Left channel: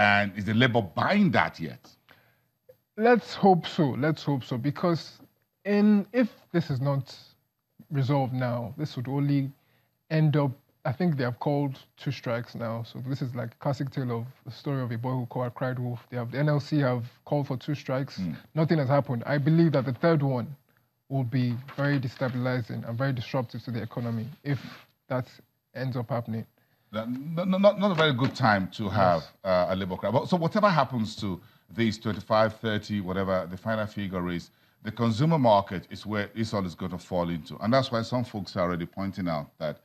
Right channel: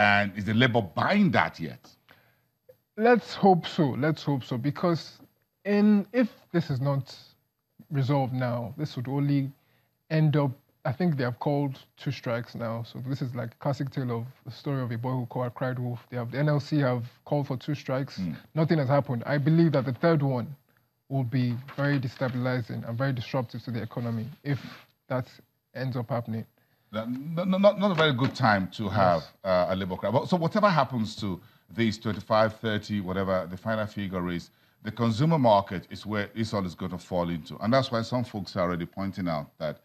And is the Labour buying that yet? Let's hope so. Let's hope so. Because if this is not resolved now, this would only end up, I think they have called 2 strikes now. So this is like a classic tale of the story of a boy who cried wolf. The NLC have called for 2 strikes. Nothing has happened. I believe that the third one will be very destabilizing and very disruptive to the economy if that ends up happening. Not a very good time to have a Labour cry. So whatever happens to these 25, 30, whatever the final figure is, the consumer market is where this all is going to fall into. And that's why some folks are already pointing out that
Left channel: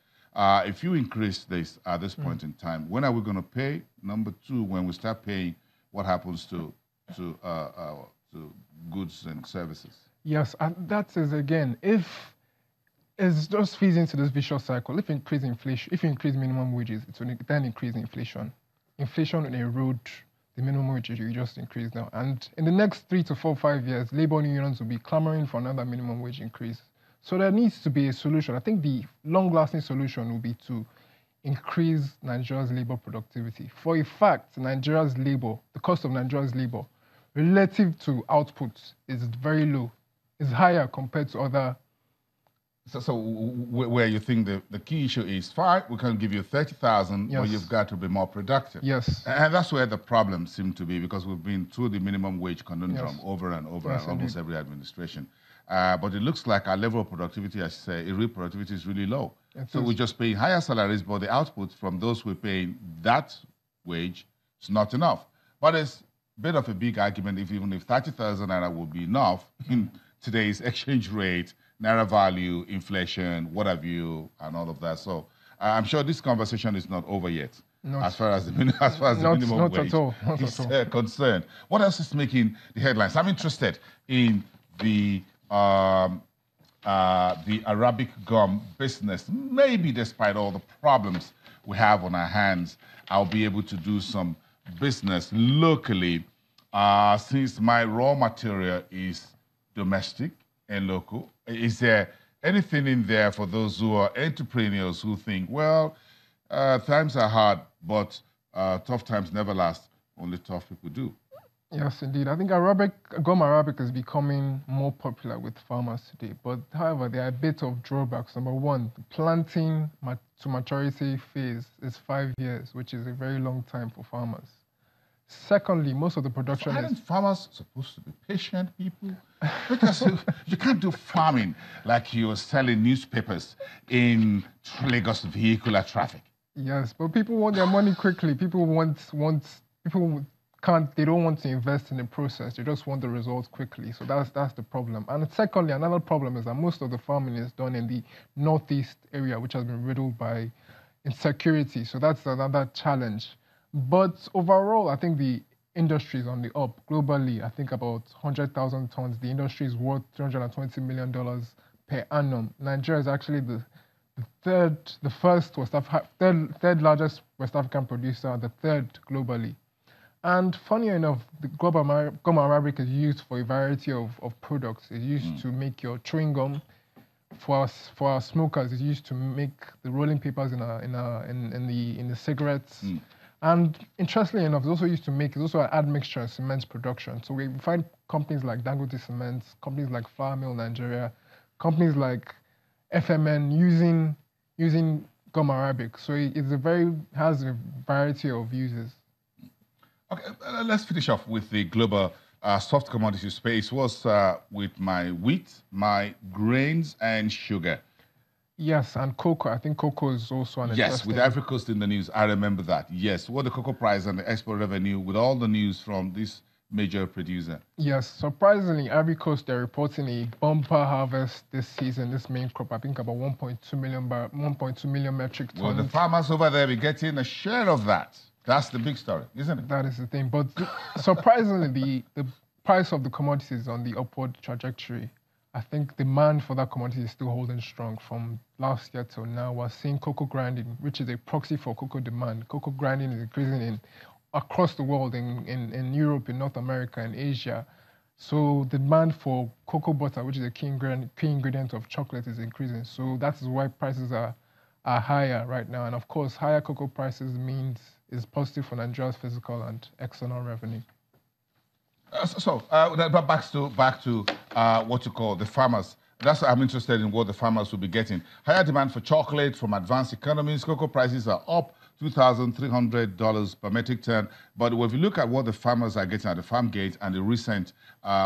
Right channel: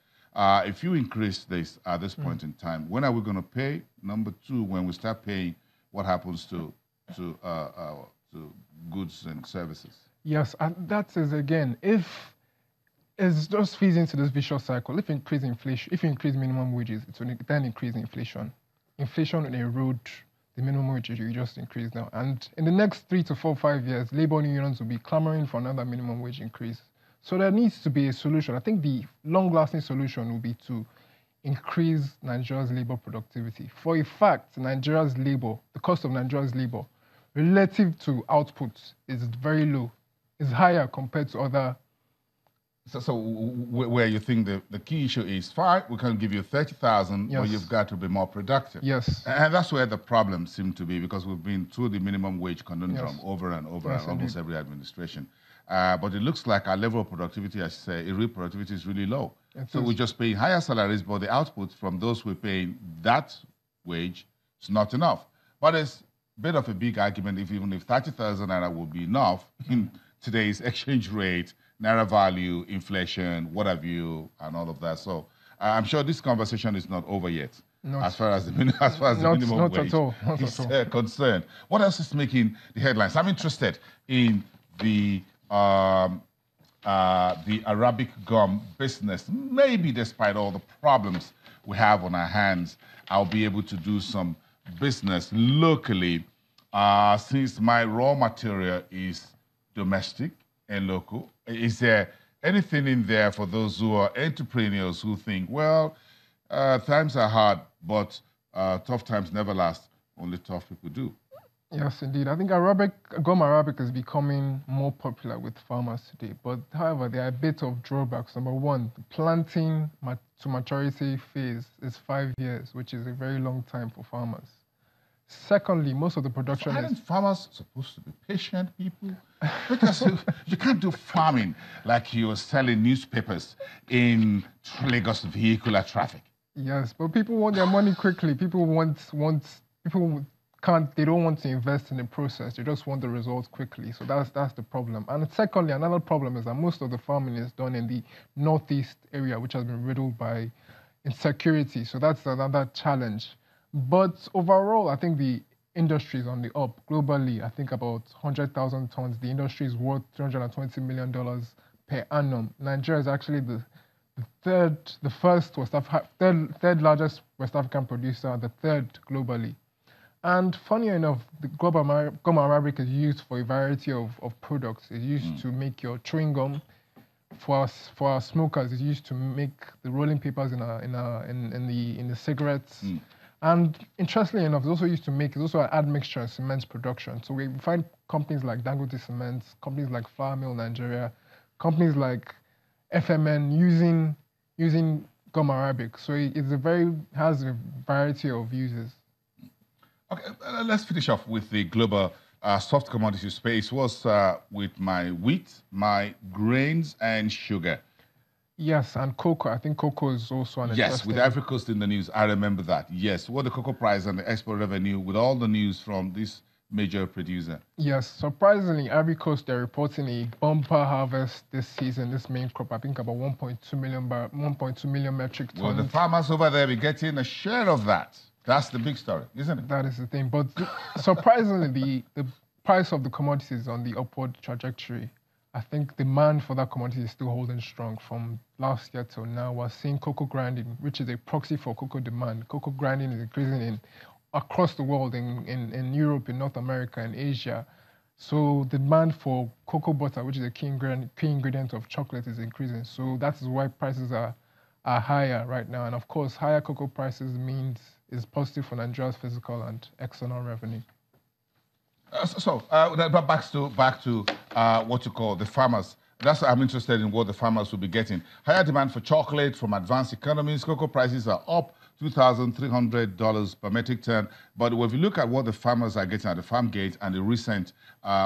if you increase this at this point in time, when are we going to pay? Number 2, when we start paying, what happens to goods and services? Yes, and that is, again, if it just feeds into this vicious cycle. If you increase inflation, if you increase minimum wages, it will then increase inflation. Inflation will erode the minimum wages you just increased now. And in the next 3 to 4, 5 years, labor unions will be clamoring for another minimum wage increase. So there needs to be a solution. I think the long-lasting solution will be to increase Nigeria's labor productivity. For a fact, Nigeria's labor, the cost of Nigeria's labor, relative to output, is very low. It's higher compared to other. So where you think the key issue is, fine, we can give you 30,000, but you've got to be more productive. Yes. And that's where the problem seems to be, because we've been through the minimum wage conundrum over and over in almost every administration. But it looks like our level of productivity, as I say, real productivity is really low. So we just pay higher salaries, but the output from those who are paying that wage is not enough. But it's a bit of a big argument, even if 30,000 naira will be enough in today's exchange rate, naira value, inflation, what have you, and all of that. So I'm sure this conversation is not over yet, as far as the minimum wage is concerned. What else is making the headlines? I'm interested in the Arabic gum business. Maybe despite all the problems we have on our hands, I'll be able to do some business locally, since my raw material is domestic and local. Is there anything in there for those who are entrepreneurs who think, well, times are hard, but tough times never last, only tough people do? Yes, indeed. I think gum Arabic is becoming more popular with farmers today. But however, there are a bit of drawbacks. Number 1, the planting to maturity phase is 5 years, which is a very long time for farmers. Secondly, most of the production so aren't farmers supposed to be patient people? Because you can't do farming like you're selling newspapers in Lagos vehicular traffic. Yes, but people want their money quickly. People they don't want to invest in the process. They just want the results quickly. So that's the problem. And secondly, another problem is that most of the farming is done in the northeast area, which has been riddled by insecurity. So that's another challenge. But overall, I think the industry is on the up globally. I think about 100,000 tons. The industry is worth $320 million per annum. Nigeria is actually the third largest West African producer, the third globally. And funny enough, the gum Arabic is used for a variety of products. It's used to make your chewing gum. For our smokers, it's used to make the rolling papers in the cigarettes. And interestingly enough, it's also used to make, it's also an admixture in cement production. So we find companies like Dangote Cement, companies like Flour Mill Nigeria, companies like FMN using gum Arabic. So has a variety of uses. Okay, let's finish off with the global soft commodity space. Was with my wheat, my grains, and sugar. Yes, and cocoa. I think cocoa is also an Yes, with Ivory Coast in the news. I remember that. Yes, what the cocoa price and the export revenue with all the news from this major producer. Yes, surprisingly, Ivory Coast, they're reporting a bumper harvest this season, this main crop. I think about 1.2 million metric tons. Well, the farmers over there be getting a share of that. That's the big story, isn't it? That is the thing. But surprisingly, the price of the commodities is on the upward trajectory. I think demand for that commodity is still holding strong from last year till now. We're seeing cocoa grinding, which is a proxy for cocoa demand. Cocoa grinding is increasing across the world, in Europe, in North America, in Asia. So the demand for cocoa butter, which is a key ingredient of chocolate, is increasing. So that is why prices are higher right now. And of course, higher cocoa prices means is positive for Nigeria's physical and external revenue. Back to what you call the farmers. That's why I'm interested in what the farmers will be getting. Higher demand for chocolate from advanced economies. Cocoa prices are up $2,300 per metric ton. But if you look at what the farmers are getting at the farm gate and the recent,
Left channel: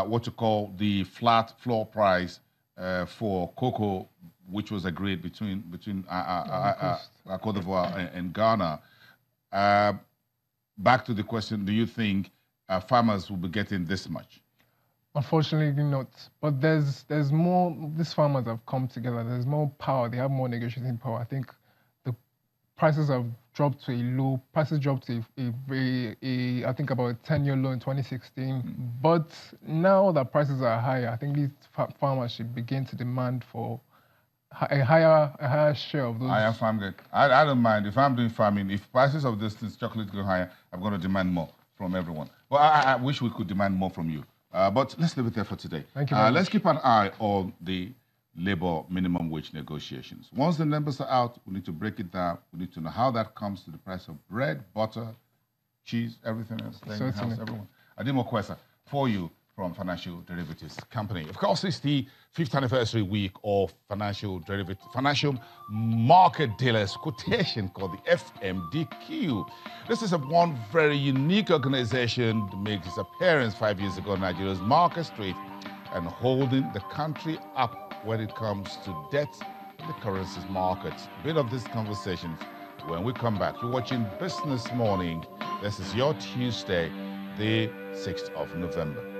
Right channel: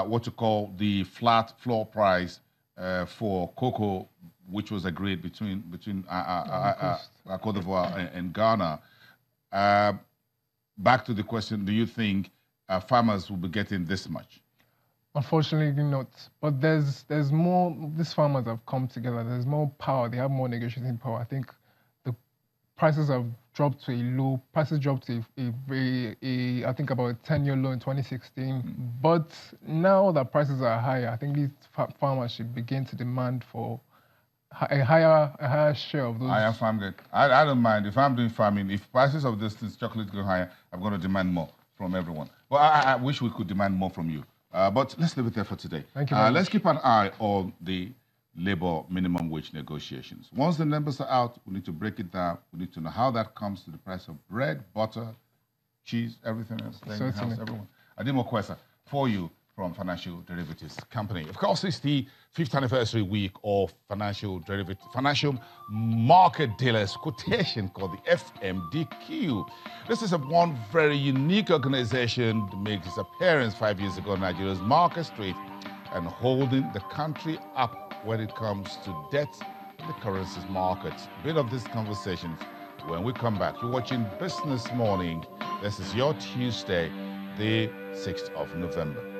what you call the flat floor price for cocoa, which was agreed between Cote d'Ivoire and Ghana. Back to the question, do you think farmers will be getting this much? Unfortunately not. But there's more, these farmers have come together. There's more power. They have more negotiating power. I think the prices have dropped to a low. Prices dropped to I think about a 10-year low in 2016. But now that prices are higher, I think these farmers should begin to demand for a higher share of those. Higher farm gate. I don't mind. If I'm doing farming, if prices of this chocolate go higher, I'm going to demand more from everyone. Well, I wish we could demand more from you. But let's leave it there for today. Thank you. Let's keep an eye on the labor minimum wage negotiations. Once the numbers are out, we need to break it down. We need to know how that comes to the price of bread, butter, cheese, everything else. Certainly. Everyone. Adimo Kwesa, for you from Financial Derivatives Company. Of course, it's the 5th anniversary week of financial market dealers quotation called the FMDQ. This is one very unique organization that made its appearance 5 years ago on Nigeria's market street and holding the country up when it comes to debt in the currencies markets. A bit of this conversation when we come back. You're watching Business Morning. This is your Tuesday, the 6th of November.